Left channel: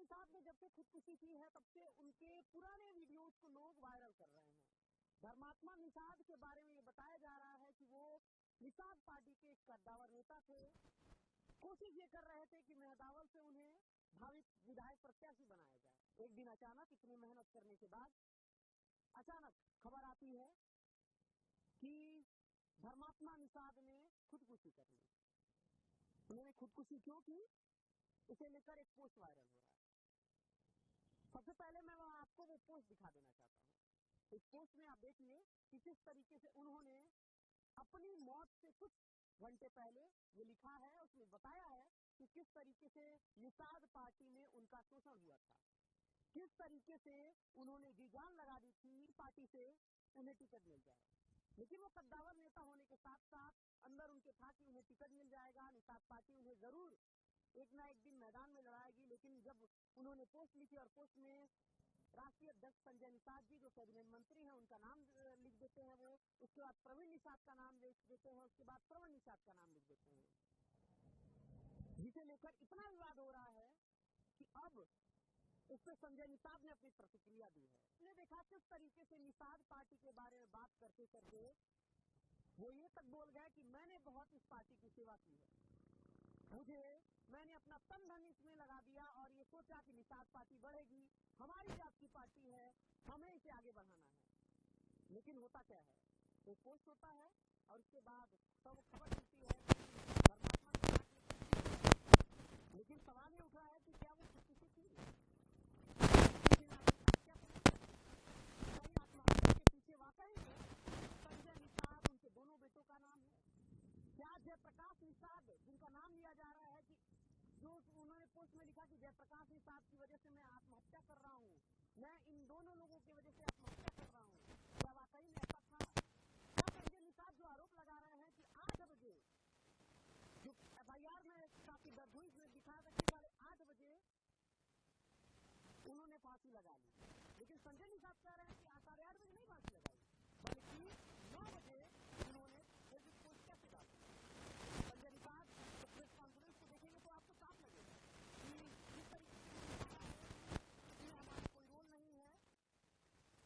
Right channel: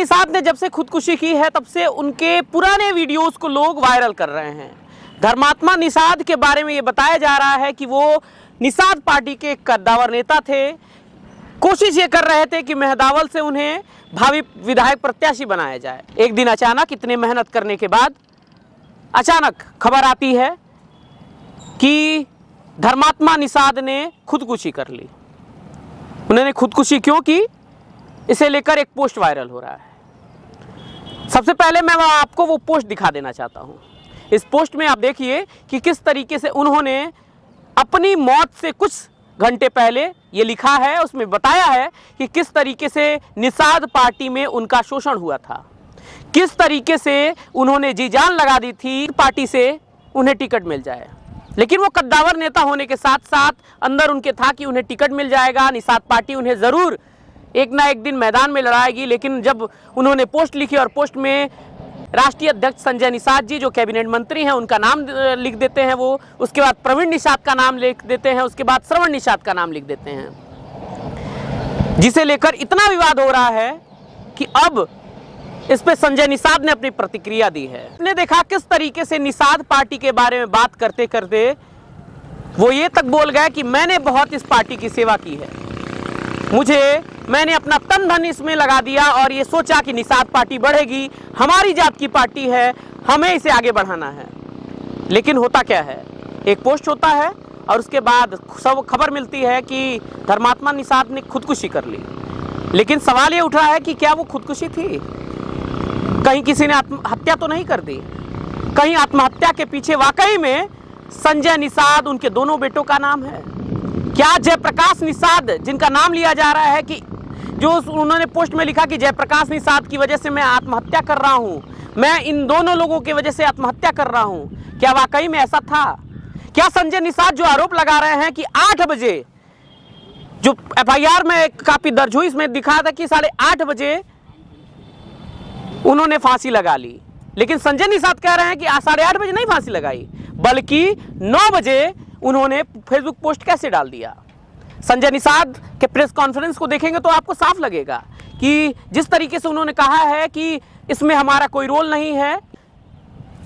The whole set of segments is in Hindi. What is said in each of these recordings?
निषाद ने जब से खुदकुशी की है तब से उनके पुराने वीडियोस को लोग वायरल कर रहे हैं। धर्मात्मा निषाद के बारे में ये बताया जा रहा है कि वो निषाद पार्टी के कद्दावर नेता थे। कोशिश ये कर रहे थे कि मेहदावल से उन्हें भावी विधायक प्रत्याशी बनाया जाए। एक दिन अचानक इतने मेहनत करने के बाद अचानक खबर आती है कि धर्मात्मा निषाद ने खुदकुशी कर ली। उन्होंने खुदकुशी क्यों की, इसे लेकर एक पोस्ट वायरल हो रहा है। सबसे पहले मैं आपको वो पोस्ट दिखा देना चाहता हूँ। इस पोस्ट में आप देखिए कि किस तरीके से उन्होंने अपनी मौत से कुछ घंटे पहले ये लिखा है, उसमें बताया है कि किस तरीके से निषाद पार्टी में उनका शोषण हुआ था, किस तरीके से उन्होंने जी जान लगा दी थी पार्टी से उन्हें टिकट मिल जाए। लेकिन वो कद्दावर नेता होने के साथ साथ अंदर उनके था कि उन्हें टिकट मिल जाएगा, निषाद पार्टी उन्हें ज़रूर एक ना एक दिन मैदान में लड़ाएगी। लेकिन जब उन्होंने पोस्ट लिखी और पोस्ट में राष्ट्रीय अध्यक्ष संजय निषाद जी जो कैबिनेट मंत्री हैं उनका नाम लिख देते हैं, वो उसके बाद प्रवीण निषाद का नाम लिख देते हैं, उसके बाद श्रवण निषाद का नाम लिख देते हैं, जिसे लेकर इतना विवाद हो रहा है कि अब इस पे संजय निषाद ने अपनी प्रतिक्रिया दी है। हमने देखा किस तरीके से निषाद पार्टी के बारे में बात करते करते वो ये तक बोल गए कि मैंने बहुत इस पार्टी की सेवा की है, मैंने अपना तन धन इसमें लगा दिया और ये सोचा कि निषाद पार्टी बढ़ेगी, हमारी जात की पार्टी है, हमें इसे आगे बढ़ाना है। लेकिन होता क्या है, एक पोस्ट होता है और उसके बाद सब खबर मिलती है कि धर्मात्मा निषाद ने खुदकुशी कर ली। लेकिन सवाल ये उठ रहा है कि क्या वो खुदकुशी थी, कहीं किसी ने आत्महत्या तो नहीं कर दी, कहीं आत्महत्या के पीछे वाकई में संजय निषाद उनके दोनों बेटों का नाम है? क्या जयप्रकाश निषाद जिनका नाम लिया जा रहा है कि जो उन्होंने पोस्ट में लिखा कि जयप्रकाश निषाद की वजह से मैं आत्महत्या कर रहा हूं, मैं इन दोनों लोगों की वजह से आत्महत्या कर रहा हूं, क्या वाकई में ऐसा था? क्या संजय निषाद जो आरोप लगा रहे हैं कि 8 बजे जो एफआईआर में काफी दर्ज हुई, इसमें दिखा था कि 8:30 बजे उन्होंने फांसी लगा ली, लेकिन संजय निषाद कह रहे हैं कि 8:30 बजे नहीं फांसी लगाई, बल्कि 9 बजे उन्होंने फेसबुक पोस्ट कैसे डाल दिया। संजय निषाद के प्रेस कॉन्फ्रेंस को देखेंगे तो आपको साफ लगेगा कि जिस तरीके से उन्होंने कहा है कि इसमें हमारा कोई रोल नहीं है,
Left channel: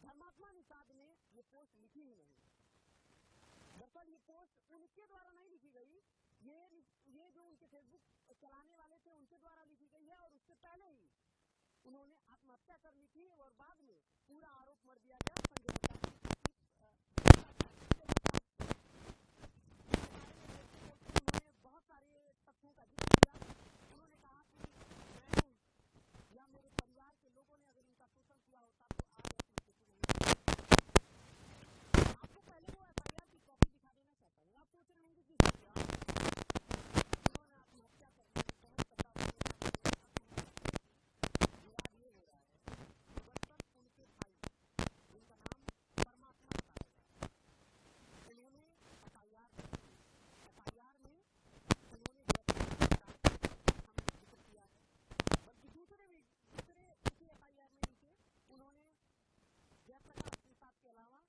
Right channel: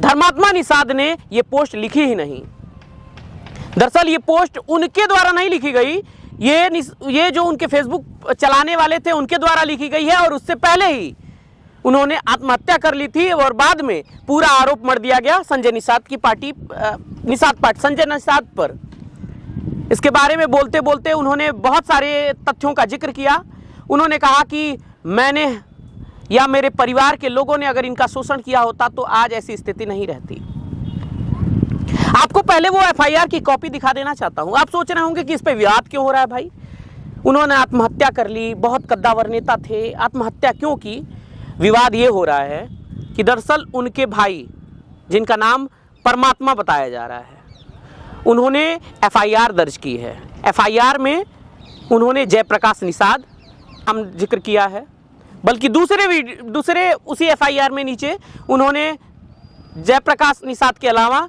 धर्मात्मा निषाद ने ये पोस्ट लिखी ही नहीं। दरअसल ये पोस्ट उनके द्वारा नहीं लिखी गई, ये जो उनके फेसबुक चलाने वाले थे उनके द्वारा लिखी गई है, और उससे पहले ही उन्होंने आत्महत्या कर ली थी और बाद में पूरा आरोप मढ़ दिया गया संजय निषाद की पार्टी, संजय निषाद पर। इसके बारे में बोलते बोलते उन्होंने बहुत सारे तथ्यों का जिक्र किया। उन्होंने कहा कि मैंने या मेरे परिवार के लोगों ने अगर इनका शोषण किया होता तो आज ऐसी स्थिति नहीं रहती। आपको पहले वो एफआईआर की कॉपी दिखा देना चाहता हूं। आप सोच रहे होंगे कि इस पे विवाद क्यों हो रहा है भाई, उन्होंने आत्महत्या कर ली, बहुत कद्दावर नेता थे, आत्महत्या क्यों की? विवाद ये हो रहा है कि दरअसल उनके भाई जिनका नाम परमात्मा बताया जा रहा है, उन्होंने एफआईआर दर्ज की है। एफआईआर में उन्होंने जयप्रकाश निषाद नाम जिक्र किया है, बल्कि दूसरे उसी एफआईआर में नीचे उन्होंने जयप्रकाश निषाद के अलावा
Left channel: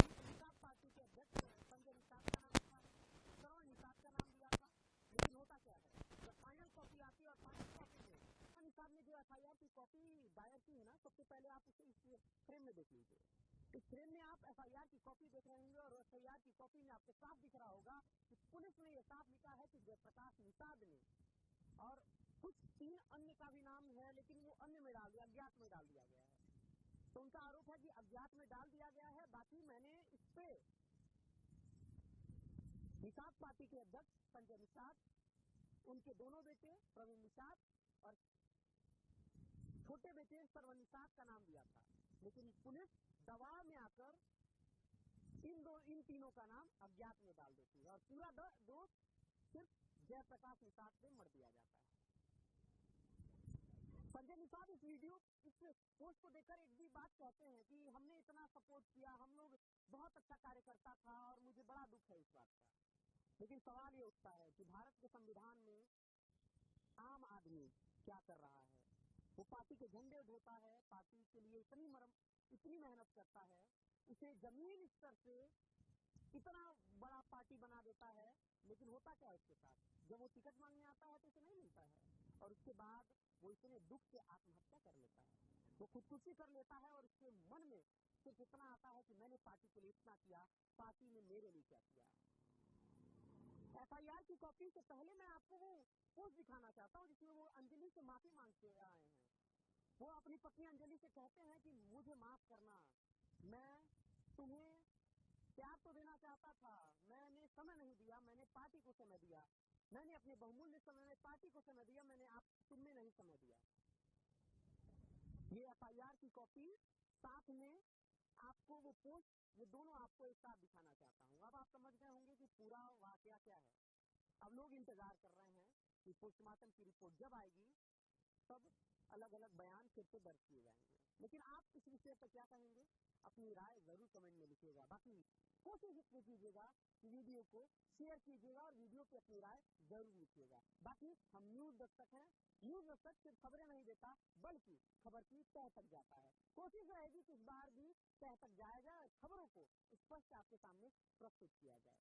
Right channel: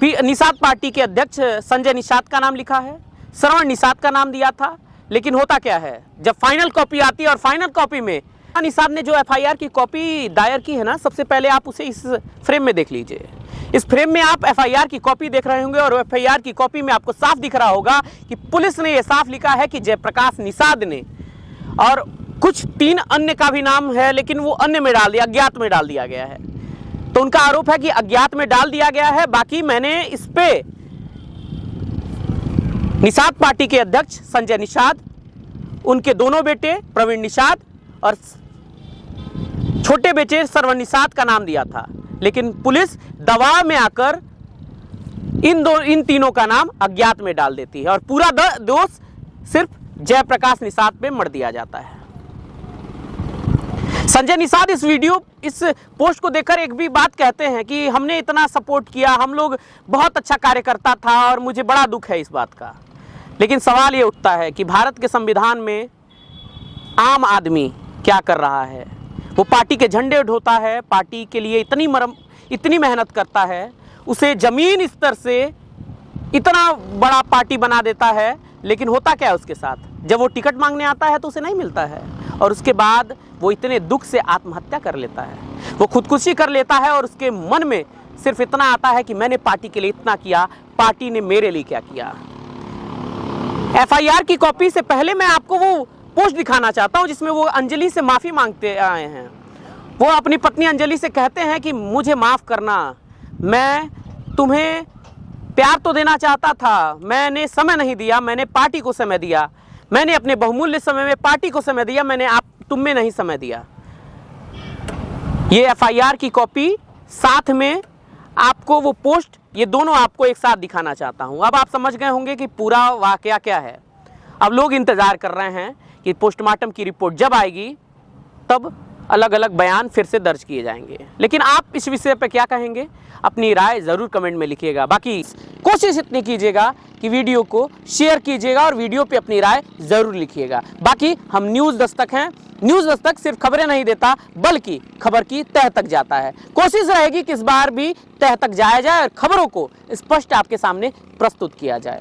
फिर निषाद पार्टी के अध्यक्ष संजय निषाद का नाम लिखा है, श्रवण निषाद का नाम दिया था। लेकिन होता क्या है, जब फाइनल कॉपी आती है और फाइनल कॉपी में निषाद ने जो एफआईआर की कॉपी दायर की है ना, सबसे पहले आप उसे इस फ्रेम में देख लीजिए। इस फ्रेम में आप एफआईआर की कॉपी देख रहे होंगे और एफआईआर की कॉपी में आपको साफ दिख रहा होगा कि पुलिस ने यह साफ लिखा है कि जयप्रकाश निषाद ने, और कुछ 3 अन्य का भी नाम है लेकिन वो अन्य में डाल दिया, अज्ञात में डाल दिया गया है। तो उनका आरोप है कि अज्ञात में डाल दिया गया है। बाकी मैंने इस पे निषाद पार्टी के अध्यक्ष संजय निषाद, उनके दोनों बेटे प्रवीण निषाद और छोटे बेटे श्रवण निषाद का नाम दिया था। लेकिन पुलिस दबाव में आकर इन तीनों का नाम अज्ञात में डाल देती है और पूरा दोष सिर्फ जयप्रकाश निषाद पे मढ़ दिया जाता है। संजय निषाद इस पोस्ट को देखकर एक भी बात कहते हैं कि हमने इतना सपोर्ट किया, हम लोग बहुत अच्छा कार्यकर्ता था और मुझे बड़ा दुख है इस बात का। लेकिन सवाल ये उठता है कि भारत के संविधान में आम आदमी क्या कर रहा है? वो पार्टी के झंडे ढोता है, पार्टी के लिए इतनी मेहनत करता है, उसे जमीन स्तर से इतना बड़ा पार्टी बना देता है। लेकिन होता क्या है उसके साथ, जब वो टिकट मांगने आता है तो उसे नहीं मिलता है। और उसके बाद वो इतने दुख से आत्महत्या कर लेता है, वो खुदकुशी कर लेता है और उसके मन में सिर्फ इतना आता है कि मैंने पार्टी के लिए इतना किया, पार्टी ने मेरे लिए क्या किया। एफआईआर की कॉपी से पहले मैं आपको वो पोस्ट दिखाना चाहता हूं जिसमें वो अंजलि से माफी मांगते आए हैं। वो अपनी पत्नी अंजलि से कहते हैं कि मुझे माफ करना, मैं तुम्हें प्यार तो देना चाहता था, मैंने समय नहीं दिया, मैंने पार्टी को समय दिया, मैंने अपने बहुमूल्य समय में पार्टी को समय दिया, मैंने तुम में नहीं समय दिया। ये एफआईआर की कॉपी साथ में आपको वो पोस्ट, ये दोनों आपको एक साथ दिखाना चाहता हूं। अब आप समझ गए होंगे कि पूरा वाकया क्या है। अब लोग इंतजार कर रहे हैं कि पोस्टमार्टम की रिपोर्ट जब आएगी तब अलग अलग बयान फिर से दर्ज किए जाएंगे। लेकिन आप इस विषय पर क्या कहेंगे, अपनी राय ज़रूर कमेंट में लिखिएगा। बाकी कोशिश इतनी कीजिएगा कि वीडियो को शेयर कीजिएगा और वीडियो पे अपनी राय ज़रूर लिखिएगा। बाकी हम न्यूज़ दस्तक हैं, न्यूज़ दस्तक सिर्फ खबरें नहीं देता बल्कि खबर की तह तक जाता है। कोशिश रहेगी कि इस बार भी तह तक जाया जाए और खबरों को स्पष्ट आपके सामने प्रस्तुत किया जाए।